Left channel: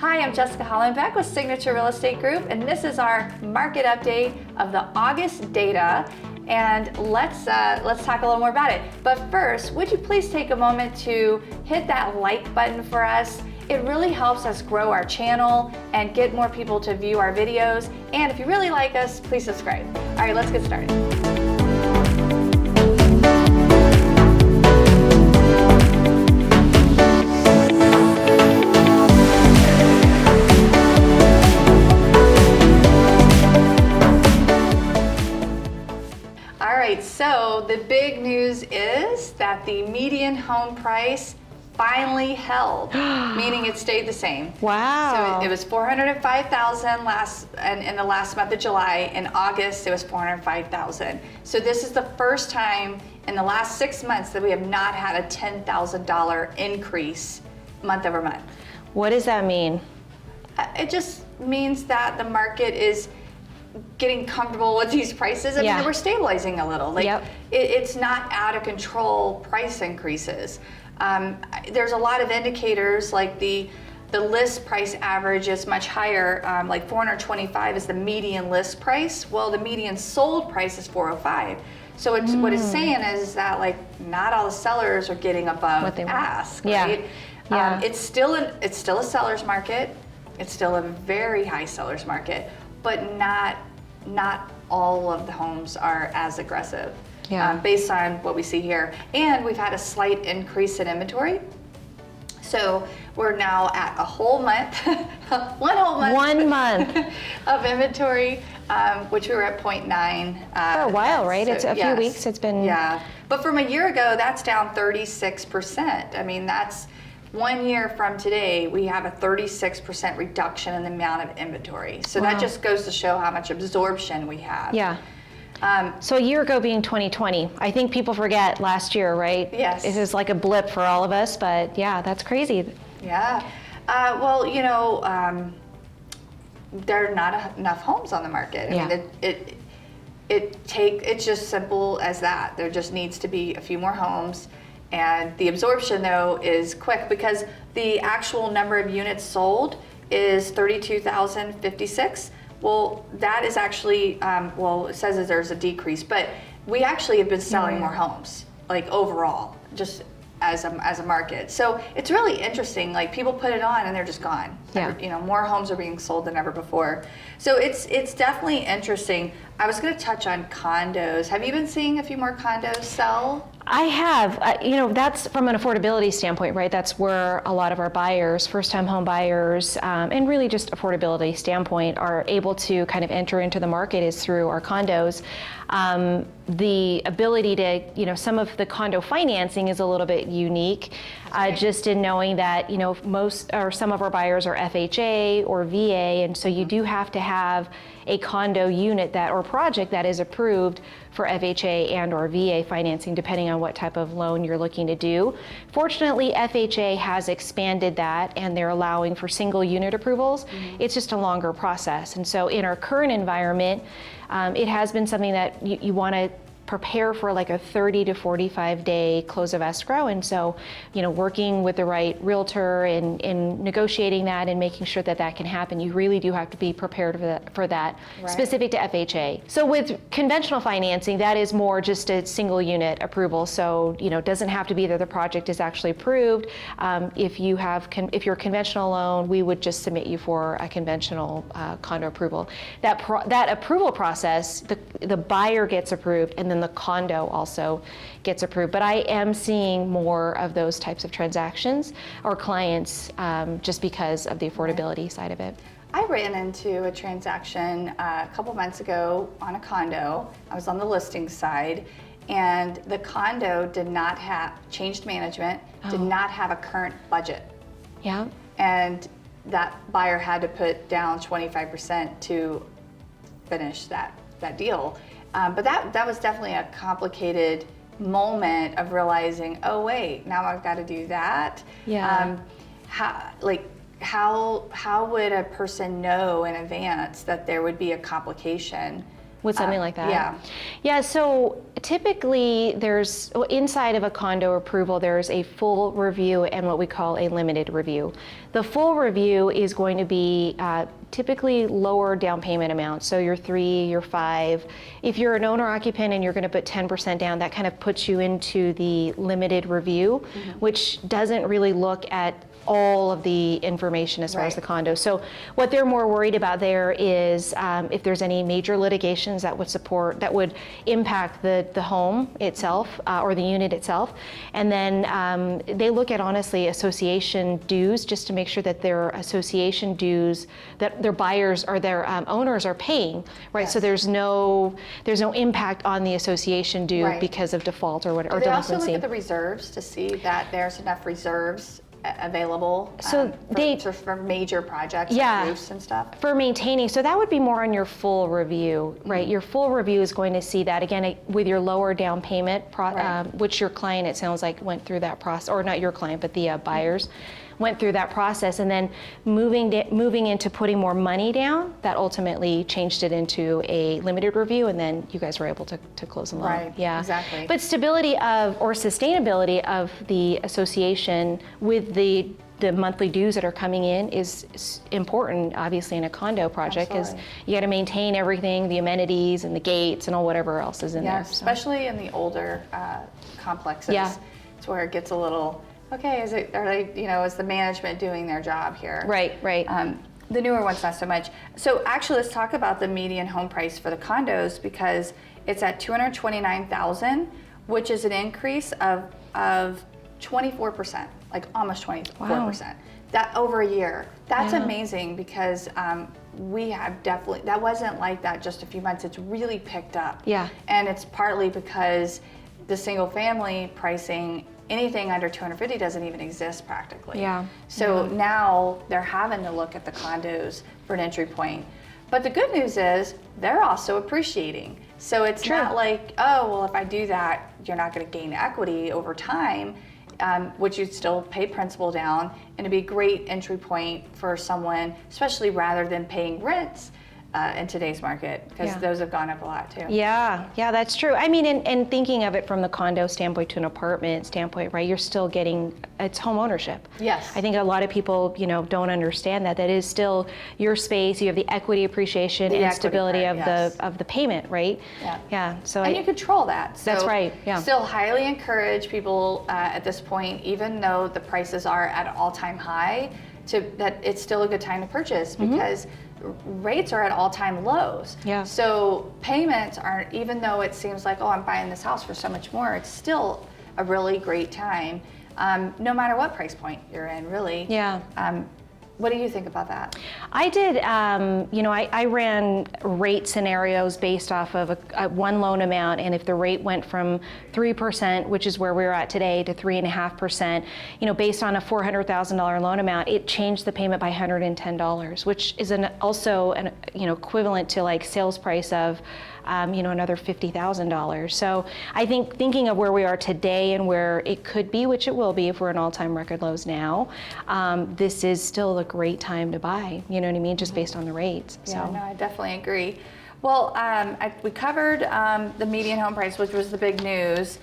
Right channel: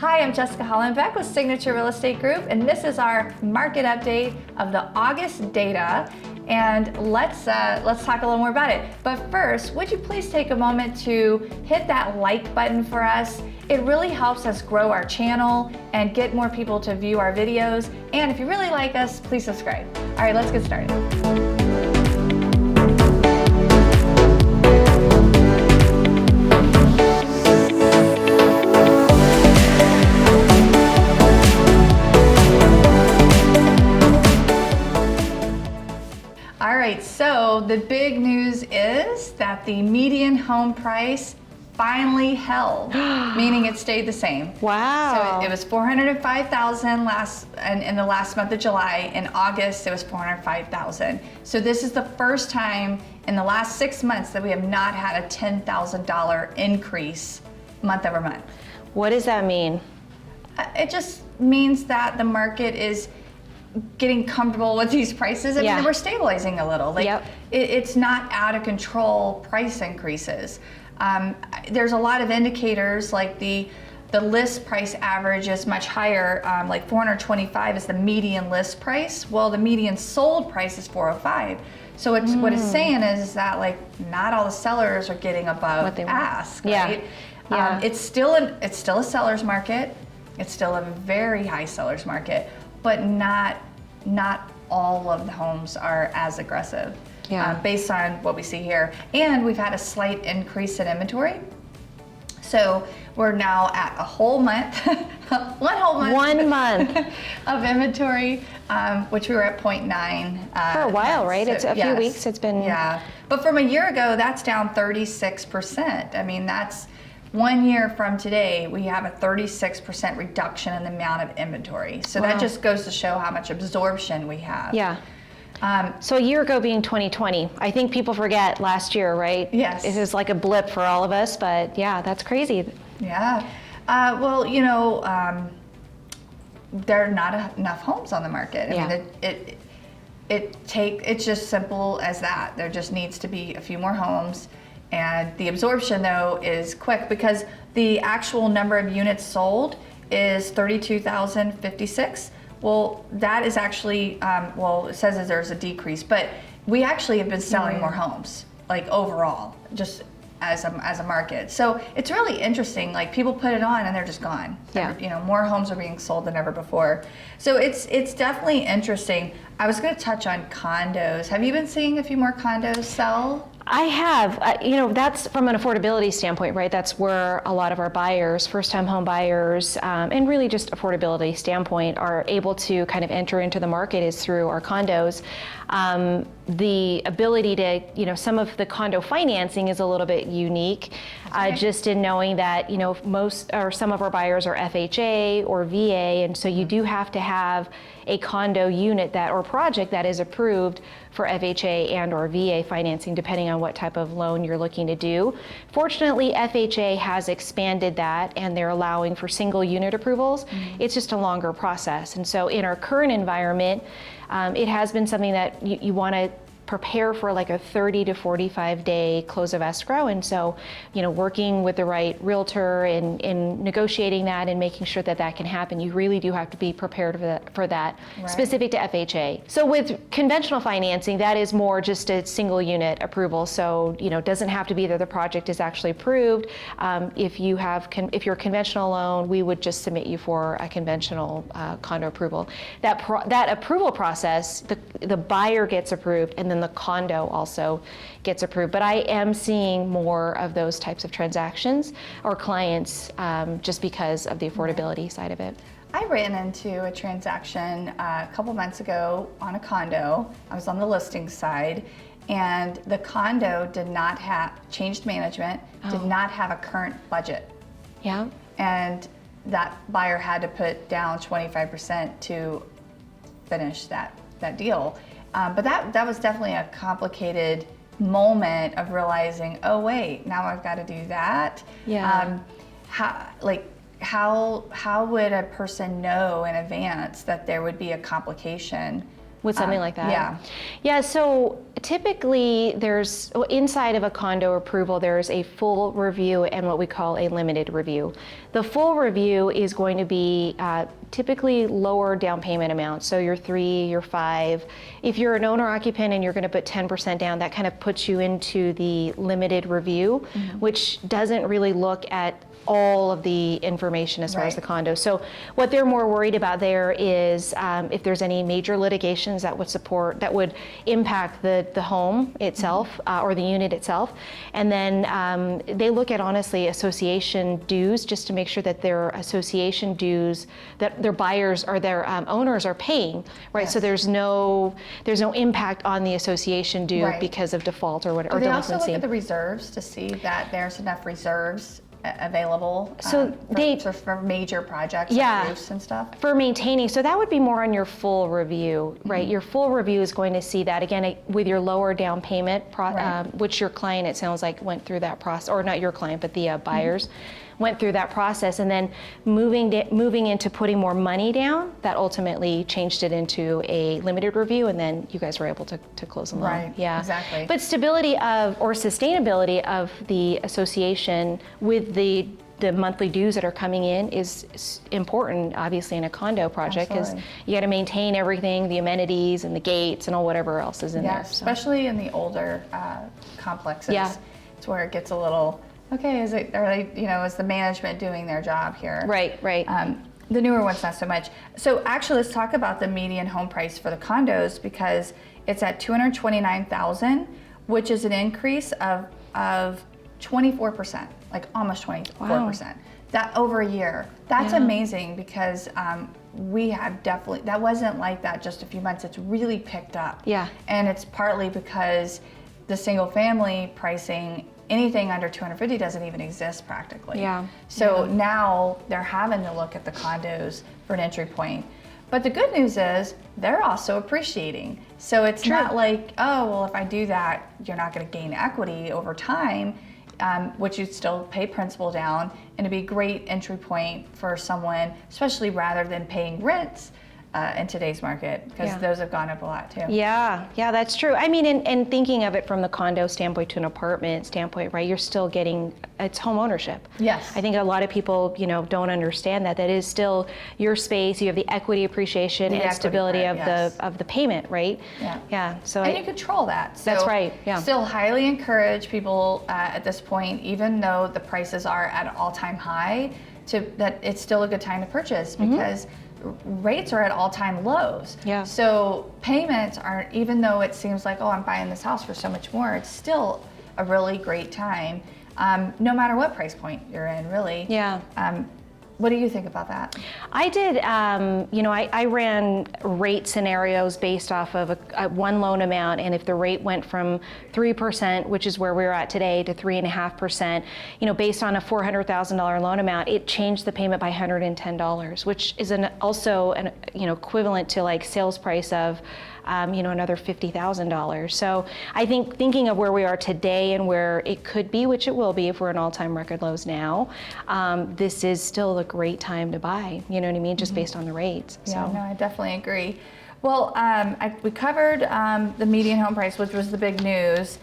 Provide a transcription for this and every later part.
Hi, I'm Jessica Hallenbeck with Signature Real Estate Group, and this is our market update of the August data. And let's talk a little more about it. But first, would you please take a moment to hit that like button for us? It really helps us grow our channel and get more people to view our videos. And if you really like us, please subscribe. All right, let's get started. So the big news is that the median home price finally held, meaning it stayed the same. Wow. So it was $405,000 in the last month of July. In August, it was $405,000. So this is the first time in the last 6 months that we have not had a $10,000 increase month over month. What does that mean? It just means that the market is getting comfortable with these prices. I mean, we're stabilizing a little. It's not out of control price increases. There's a lot of indicators, like the list price average is much higher, like 425 is the median list price. Well, the median sold price is 405. So what it's saying is that not all the sellers are getting above what they ask, want. right? It's still a seller's market. It's still a very high seller's market, but not all of the homes are as aggressive based on what we see here. And we've had a slight increase in inventory. So we're now at a whole month, one month of inventory, which we were at 0.9. For a while, right? It's a few weeks, it's been. Yeah, but from a year ago, that's down 36%. I mean, that's 1 year from today, we have a 36% reduction in the amount of inventory. So that just goes to show how much absorption we have. Yeah. So a year ago being 2020, I think people forget last year, right? Yes. It was like a blip for all of us, but yeah, that's crazy. Yeah. Well, there are not enough homes on the market. I mean, it's just simple as that. There just needs to be a few more homes. And the absorption, though, is quick because the actual number of units sold is 32,056. Well, that is actually, it says that there's a decrease, but we actually have been selling more homes, overall, just as a market. So it's really interesting. People put it on and they're just gone. Yeah. More homes are being sold than ever before. So it's definitely interesting. I was going to touch on condos. Have you been seeing a few more condos sell? I have. That's from an affordability standpoint, right? That's where a lot of our buyers, first-time home buyers, and really just affordability standpoint, are able to kind of enter into the market is through our condos. The ability to, some of the condo financing is a little bit unique, just in knowing that, most or some of our buyers are FHA or VA, and so you do have to have a condo unit or project that is approved for FHA and or VA financing, depending on what type of loan you're looking to do. Fortunately, FHA has expanded that and they're allowing for single unit approvals. It's just a longer process. And so in our current environment, it has been something that you want to prepare for a 30 to 45 day close of escrow. And so, working with the right realtor and negotiating that and making sure that can happen, you really do have to be prepared for that right. Specific to FHA. So with conventional financing, that is more just a single unit approval. So, it doesn't have to be that the project is actually approved. If you're a conventional loan, we would just submit you for a conventional condo approval. That approval process, the buyer gets approved and then the condo also gets approved. But I am seeing more of those types of transactions or clients just because of the affordability side of it. I ran into a transaction a couple months ago on a condo. I was on the listing side, and the condo did not have changed management, did not have a current budget. Yeah. And that buyer had to put down 25% to finish that deal. But that was definitely a complicated moment of realizing, oh wait, now I've got to do that. Yeah. How would a person know in advance that there would be a complication with something like that? Yeah. Yeah, so typically inside of a condo approval, there's a full review and what we call a limited review. The full review is going to be typically lower down payment amounts. So your 3, your 5. If you're an owner occupant and you're going to put 10% down, that kind of puts you into the limited review, which doesn't really look at all of the information as far as the condo. So what they're more worried about there is if there's any major litigations that would impact the home itself or the unit itself. And then they look at, honestly, association dues, just to make sure that their association dues that their buyers or their owners are paying, right? Yes. So there's no impact on the association due because of default or whatever. Do they also look at the reserves to see that there's enough reserves available for major projects like roofs and stuff? For maintaining, so that would be more on your full review, right? Your full review is going to see that, again, with your lower down payment, which your client, it sounds like, went through that process, or not your client, but the buyers went through that process, and then moving into putting more money down, that ultimately changed it into a limited review, and then you guys were able to close the loan. Right, exactly. But stability or sustainability of the association with the monthly dues that are coming in is important, obviously, in a condo project, because you got to maintain everything, the amenities and the gates and all whatever else is in there. Especially in the older complexes. Yeah. It's where it gets a little, okay, is the management doing their job here? Right. The newer ones, not so much. So actually, let's talk about the median home price for the condos, because it's at $229,000, which is an increase of 24%, like almost 24%. Wow. That over a year. That's amazing, because we have definitely, that wasn't like that just a few months. It's really picked up. Yeah. And it's partly because the single family pricing, anything under 250 doesn't even exist practically. Yeah. So now they're having to look at the condos for an entry point. But the good news is they're also appreciating. So it's not like, oh, well, if I do that, you're not going to gain equity over time, which you'd still pay principal down, and it'd be a great entry point for someone, especially rather than paying rents in today's market, because those have gone up a lot too. Yeah, that's true. I mean, and thinking of it from the condo standpoint to an apartment standpoint, right? You're still getting, it's home ownership. Yes. I think a lot of people, don't understand that. That is still your space. You have the equity appreciation and stability of the payment, right? Yeah. So you control that. So that's right. Yeah. Still highly encourage people at this point, even though the prices are at an all-time high, that it's still a good time to purchase, because rates are at all-time lows. Yeah. So payments aren't, even though it seems like, oh, I'm buying this house for so much more, it's still a really great time, no matter what price point you're in, really. Yeah. What do you think about that? I did, I ran rate scenarios based off of a one loan amount, and if the rate went from 3%, which is where we're at today, to 3.5%, based on a $400,000 loan amount, it changed the payment by $110, which is also equivalent to like sales price of another $50,000. So I think thinking of where we are today and where it could be, which it will be if we're in all-time record lows now, this is still a great time to buy, you know what I mean, just based on the rates. Yeah, no, I definitely agree. Well, we covered the median home price, which was the big news.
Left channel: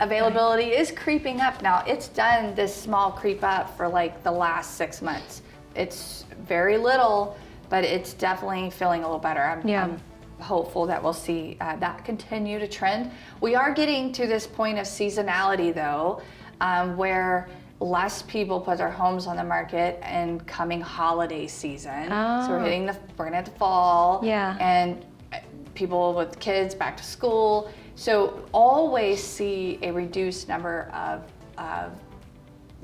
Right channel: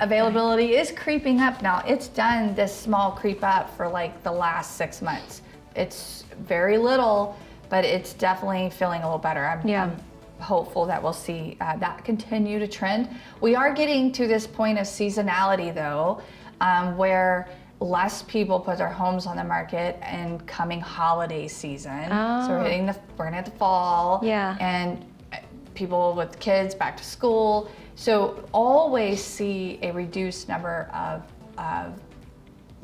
Availability is creeping up now. It's done this small creep up for like the last 6 months. It's very little, but it's definitely feeling a little better. I'm hopeful that we'll see that continue to trend. We are getting to this point of seasonality, though, where less people put their homes on the market in coming holiday season. So we're gonna hit the fall, and people with kids back to school. So always see a reduced number of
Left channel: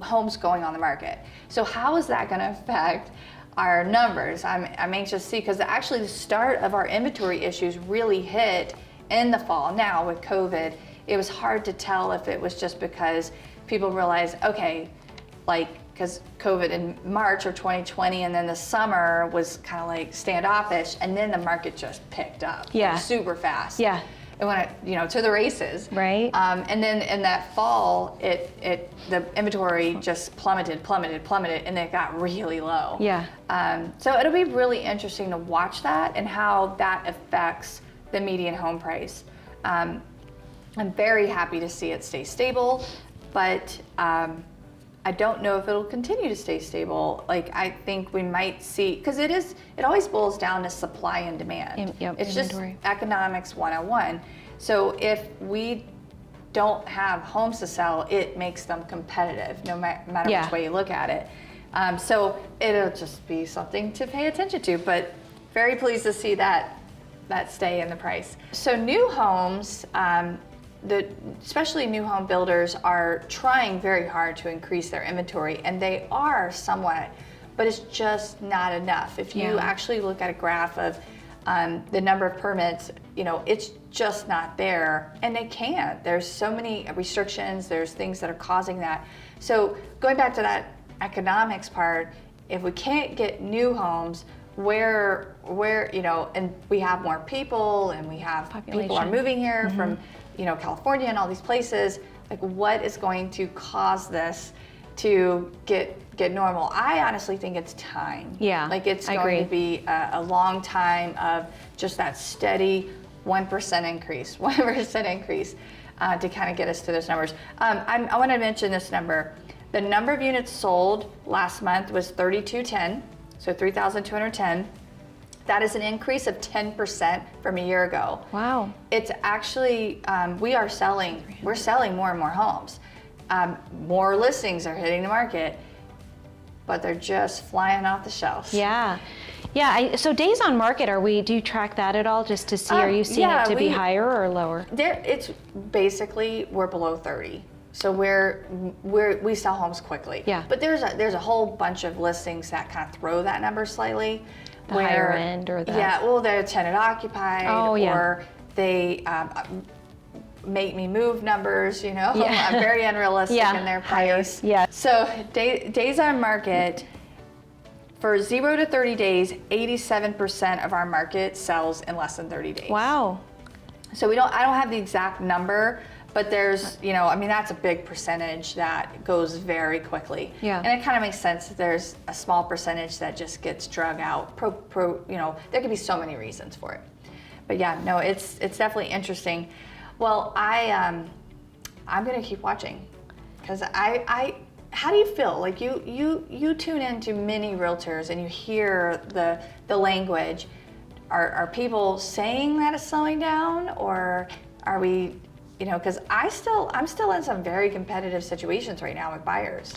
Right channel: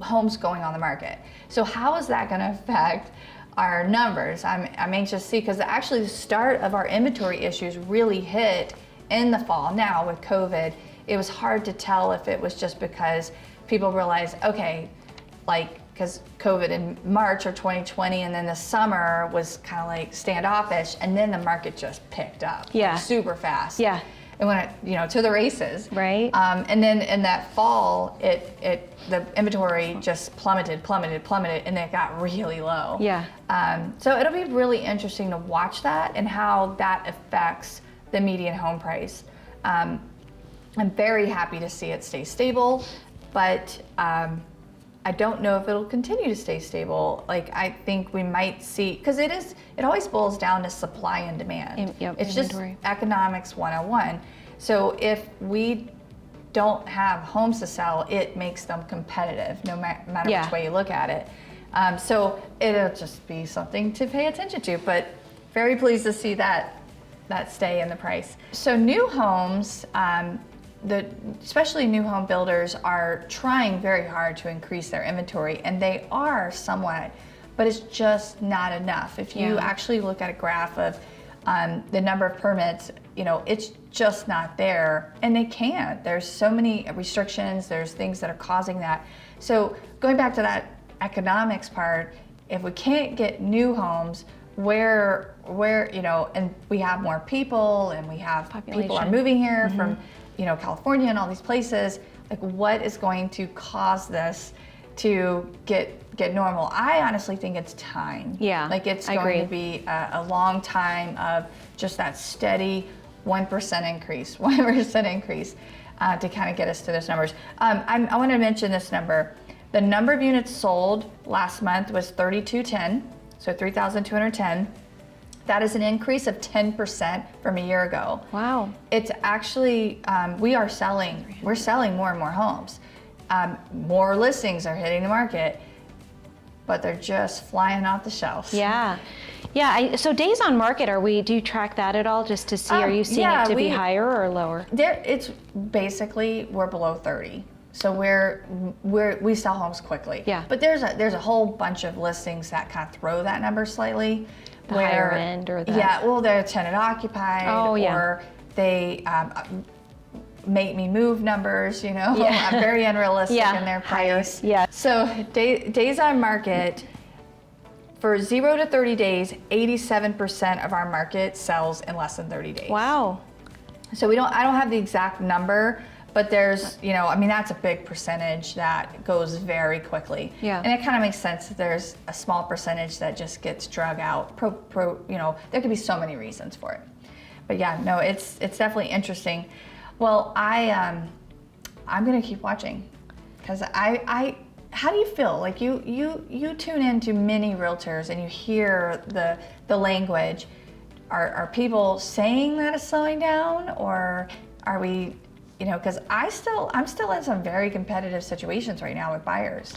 homes going on the market. So how is that going to affect our numbers? I'm anxious to see, because actually the start of our inventory issues really hit in the fall. Now with COVID, it was hard to tell if it was just because people realized, okay, because COVID in March of 2020, and then the summer was kind of like standoffish, and then the market just picked up super fast. it went, to the races. Right. And then in that fall, the inventory just plummeted, and it got really low. Yeah. So it'll be really interesting to watch that and how that affects the median home price. I'm very happy to see it stay stable, but I don't know if it'll continue to stay stable. Like, I think we might see, because it always boils down to supply and demand. It's inventory. Just economics 101. So if we don't have homes to sell, it makes them competitive, no matter which way you look at it. So it'll just be something to pay attention to, but very pleased to see that stay in the price. So new homes, especially new home builders are trying very hard to increase their inventory, and they are somewhat, but it's just not enough. If you actually look at a graph of the number of permits, it's just not there, and they can't. There's so many restrictions, there's things that are causing that. So going back to that economics part, if we can't get new homes, where and we have more people, and we have people are moving here from California and all these places, like, what is going to cause this to get normal? I honestly think it's time. Yeah, like, it's I going agree. to be a long time of just that steady 1% increase, 1% increase to kind of get us to those numbers. I want to mention this number. The number of units sold last month was 3,210, so 3,210. That is an increase of 10% from a year ago. Wow. It's actually, we're selling more and more homes. More listings are hitting the market, but they're just flying off the shelves. Yeah. Yeah, so days on market, do you track that at all, just to see, are you seeing it to be higher or lower? It's basically, we're below 30. So we sell homes quickly. Yeah. But there's a whole bunch of listings that kind of throw that number slightly. The higher end, or the... Yeah, well, they're tenant occupied, or they make me move numbers, I'm very unrealistic in their price. Yeah. So days on market, for 0 to 30 days, 87% of our market sells in less than 30 days. Wow. So I don't have the exact number, but there's, that's a big percentage that goes very quickly. Yeah. And it kind of makes sense that there's a small percentage that just gets drug out. There could be so many reasons for it. But yeah, no, it's definitely interesting. Well, I'm going to keep watching, because how do you feel? Like, you tune into many realtors and you hear the language. Are people saying that it's slowing down, or are we, because I'm still in some very competitive situations right now with buyers.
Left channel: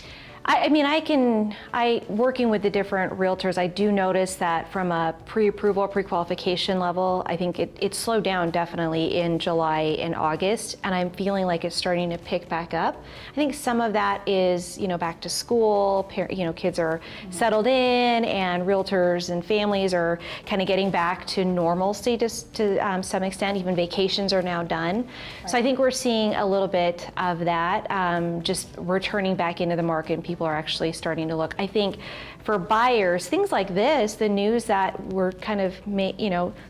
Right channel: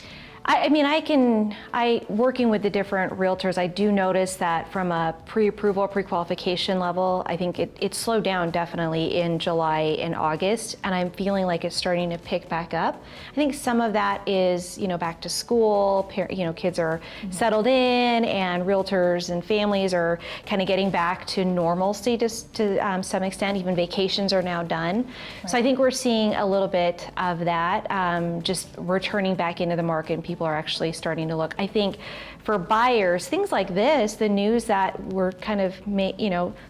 Working with the different realtors, I do notice that from a pre-approval, pre-qualification level, I think it slowed down definitely in July and August, and I'm feeling like it's starting to pick back up. I think some of that is, back to school, kids are settled in, and realtors and families are kind of getting back to normal status to some extent. Even vacations are now done. Right. So I think we're seeing a little bit of that, just returning back into the market. People are actually starting to look. I think for buyers, things like this, the news that we're kind of,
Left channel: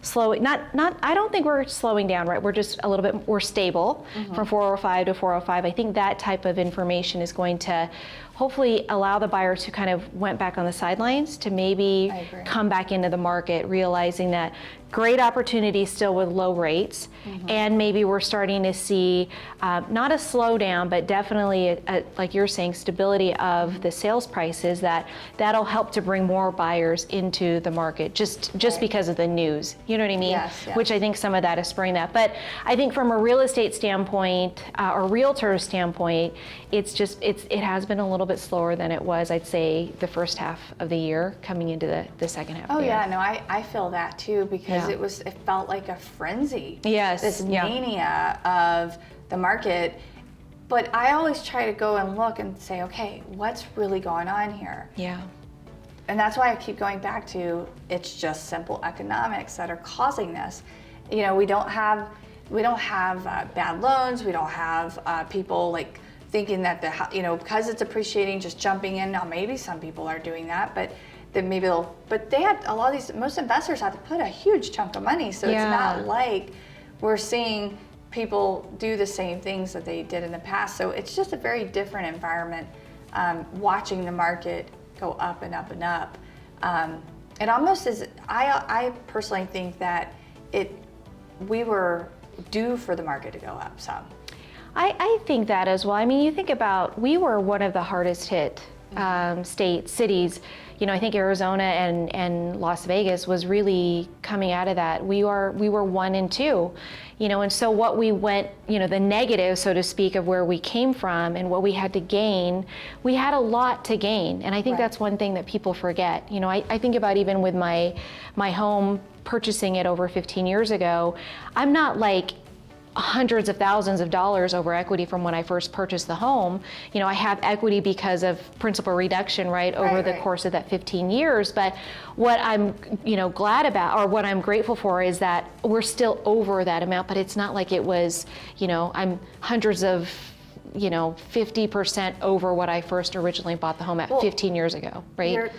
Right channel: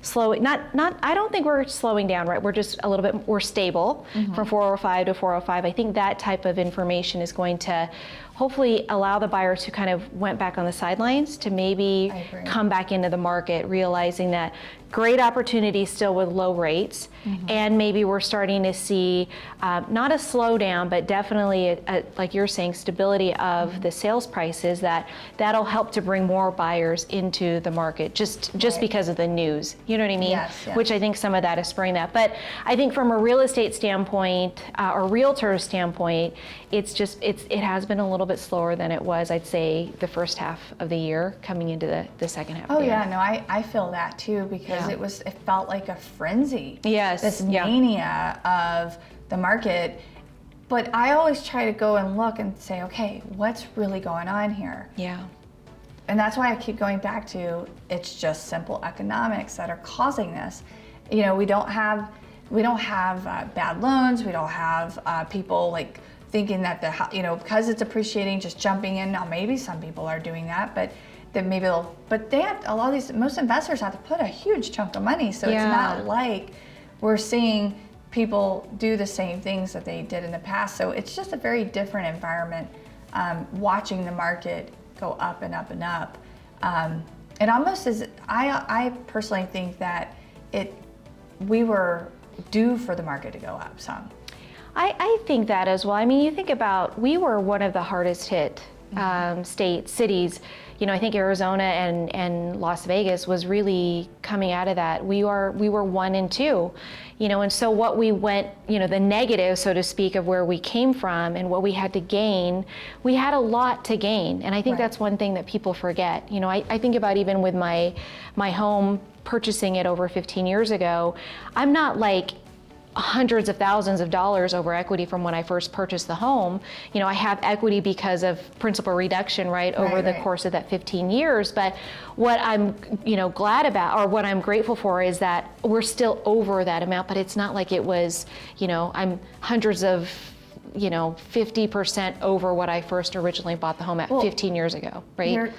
slowing, I don't think we're slowing down, right? We're just a little bit more stable from 405 to 405. I think that type of information is going to hopefully allow the buyers who kind of went back on the sidelines to maybe come back into the market, realizing that great opportunity still with low rates, and maybe we're starting to see not a slowdown, but definitely, like you're saying, stability of the sales prices. That'll help to bring more buyers into the market, just because of the news. You know what I mean? Yes. Which I think some of that is spurring that. But I think from a real estate standpoint or realtor standpoint, it has been a little bit slower than it was, I'd say, the first half of the year coming into the second half of the year. Oh yeah, no, I feel that too, because it felt like a frenzy. Yes. This mania of the market. But I always try to go and look and say, okay, what's really going on here? Yeah. And that's why I keep going back to, it's just simple economics that are causing this. We don't have bad loans. We don't have people like thinking that because it's appreciating, just jumping in. Now maybe some people are doing that, but then but they had most investors have to put a huge chunk of money, so it's not like we're seeing people do the same things that they did in the past. So it's just a very different environment, watching the market go up and up and up. It almost is, I personally think that we were due for the market to go up some. I think that as well. I mean, you think about, we were one of the hardest hit cities. I think Arizona and Las Vegas was really coming out of that. We were 1 and 2, and so what we went, the negative, so to speak, of where we came from and what we had to gain, we had a lot to gain. And I think that's one thing that people forget. I think about even with my home, purchasing it over 15 years ago, I'm not like hundreds of thousands of dollars over equity from when I first purchased the home. I have equity because of principal reduction, over the course of that 15 years. But what I'm, glad about, or what I'm grateful for, is that we're still over that amount, but it's not like it was, I'm hundreds of, 50% over what I first originally bought the home at 15 years ago, right?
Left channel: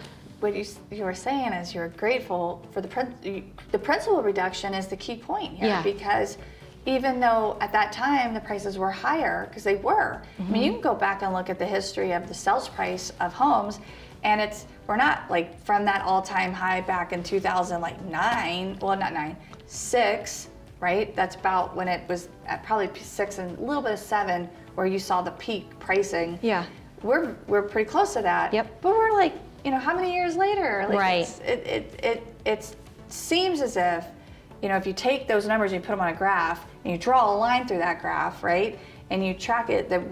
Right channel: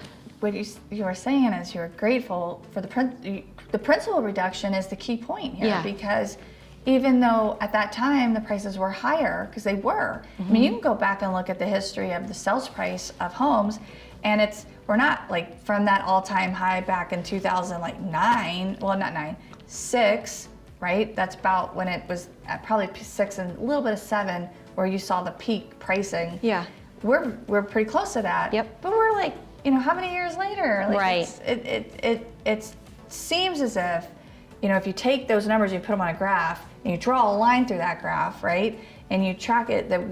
What you were saying is you're grateful for the principal reduction is the key point here, because even though at that time the prices were higher, because they were. I mean, you can go back and look at the history of the sales price of homes, and we're not like from that all-time high back in 2009, well, not 9, 6, right? That's about when it was at probably 6 and a little bit of 7, where you saw the peak pricing. Yeah. We're pretty close to that. Yep. But we're like, how many years later? Like, right. It seems as if, if you take those numbers and you put them on a graph and you draw a line through that graph, right, and you track it, that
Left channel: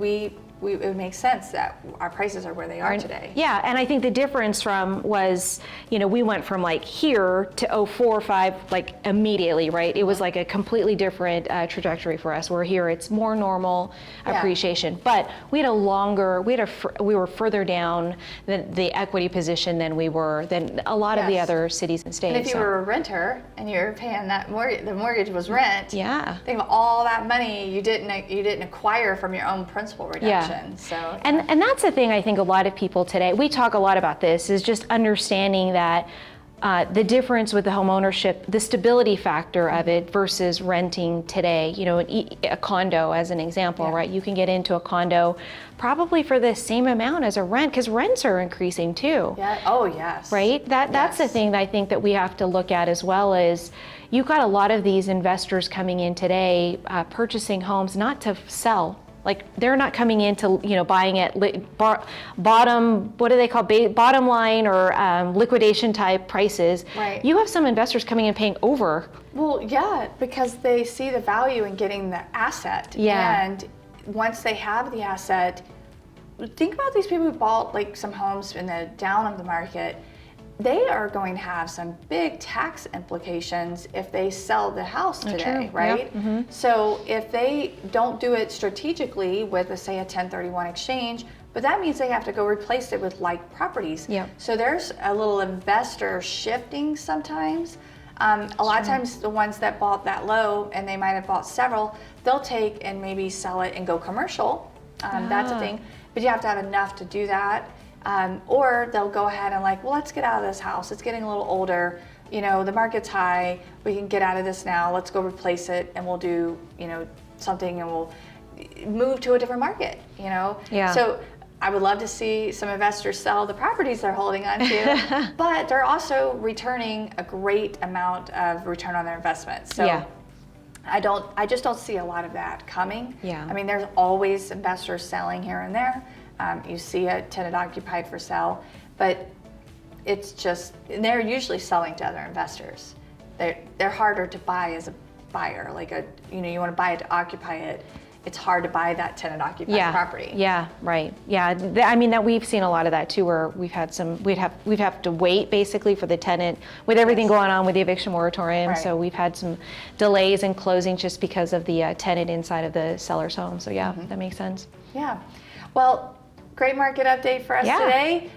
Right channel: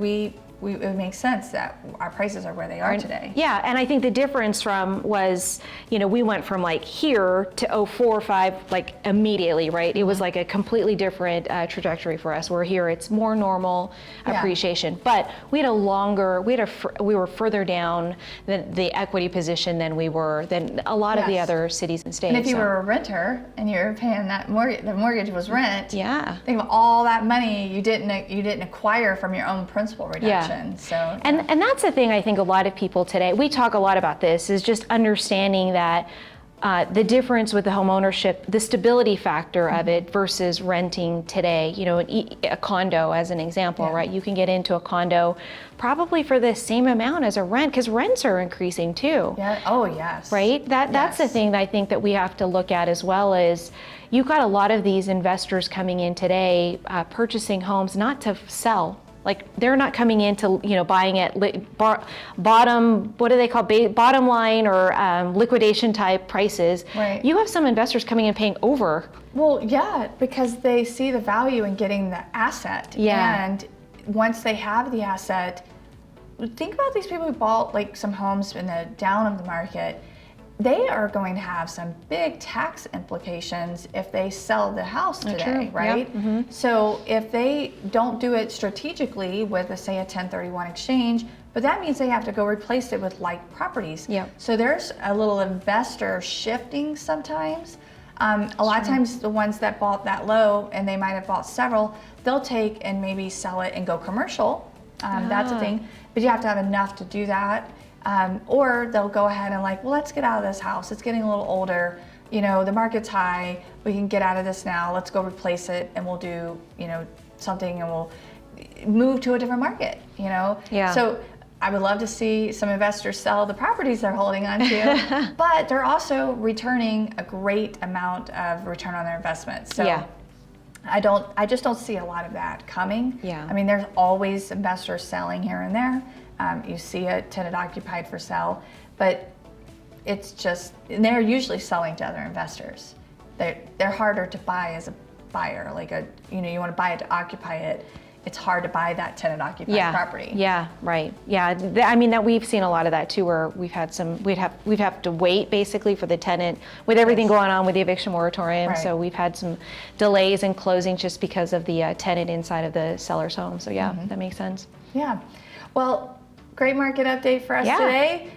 it makes sense that our prices are where they are today. Yeah, and I think the difference was, we went from like here to 04, 05, like immediately, right? It was like a completely different trajectory for us. Where here it's more normal appreciation, but we were further down the equity position than a lot of the other cities and states. And if you were a renter and you're paying that mortgage, the mortgage was rent. Yeah. Think of all that money you didn't acquire from your own principal reduction. So, and that's the thing I think a lot of people today, we talk a lot about this, is just understanding that the difference with the home ownership, the stability factor of it versus renting today. A condo as an example, right? You can get into a condo probably for the same amount as a rent, because rents are increasing too. Yeah. Oh, yes. Right? That's the thing that I think that we have to look at as well. Is you've got a lot of these investors coming in today, purchasing homes not to sell. Like, they're not coming into, buying at bottom, what do they call, bottom line or liquidation type prices. Right. You have some investors coming in paying over. Well, yeah, because they see the value in getting the asset. Yeah. And once they have the asset, think about these people who bought like some homes in the down of the market. They are going to have some big tax implications if they sell the house today, right? Yep. So if they don't do it strategically with, say, a 1031 exchange, but that means they have to go replace it with like properties. Yep. So there's a little investor shifting sometimes. A lot of times the ones that bought that low, and they might have bought several, they'll take and maybe sell it and go commercial. That's a thing, but you have to have enough to do that. Or they'll go ahead and like, well, let's get out of this house. It's getting a little older. The market's high. We can get out of this now. Let's go replace it, and we'll do, something, and we'll move to a different market, Yeah. So I would love to see some investors sell the properties they're holding on to, but they're also returning a great amount of return on their investment. So I just don't see a lot of that coming. Yeah. I mean, there's always investors selling here and there. You see a tenant occupied for sale, but it's just, they're usually selling to other investors. They're harder to buy as a buyer. Like you want to buy it to occupy it. It's hard to buy that tenant occupied property. Yeah, right. Yeah, I mean, that we've seen a lot of that too, where we'd have to wait basically for the tenant with everything going on with the eviction moratorium. Right. So we've had some delays in closing just because of the tenant inside of the seller's home. So that makes sense. Yeah. Well, great market update for us today.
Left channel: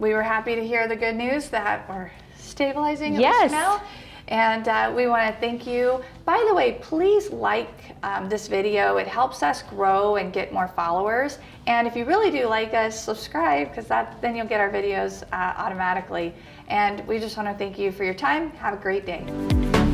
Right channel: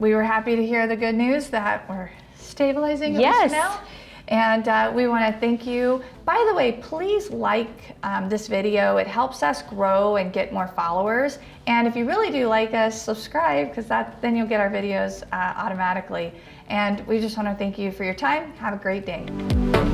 We were happy to hear the good news that we're stabilizing at least now. And we want to thank you. By the way, please like this video. It helps us grow and get more followers. And if you really do like us, subscribe, because then you'll get our videos automatically. And we just want to thank you for your time. Have a great day.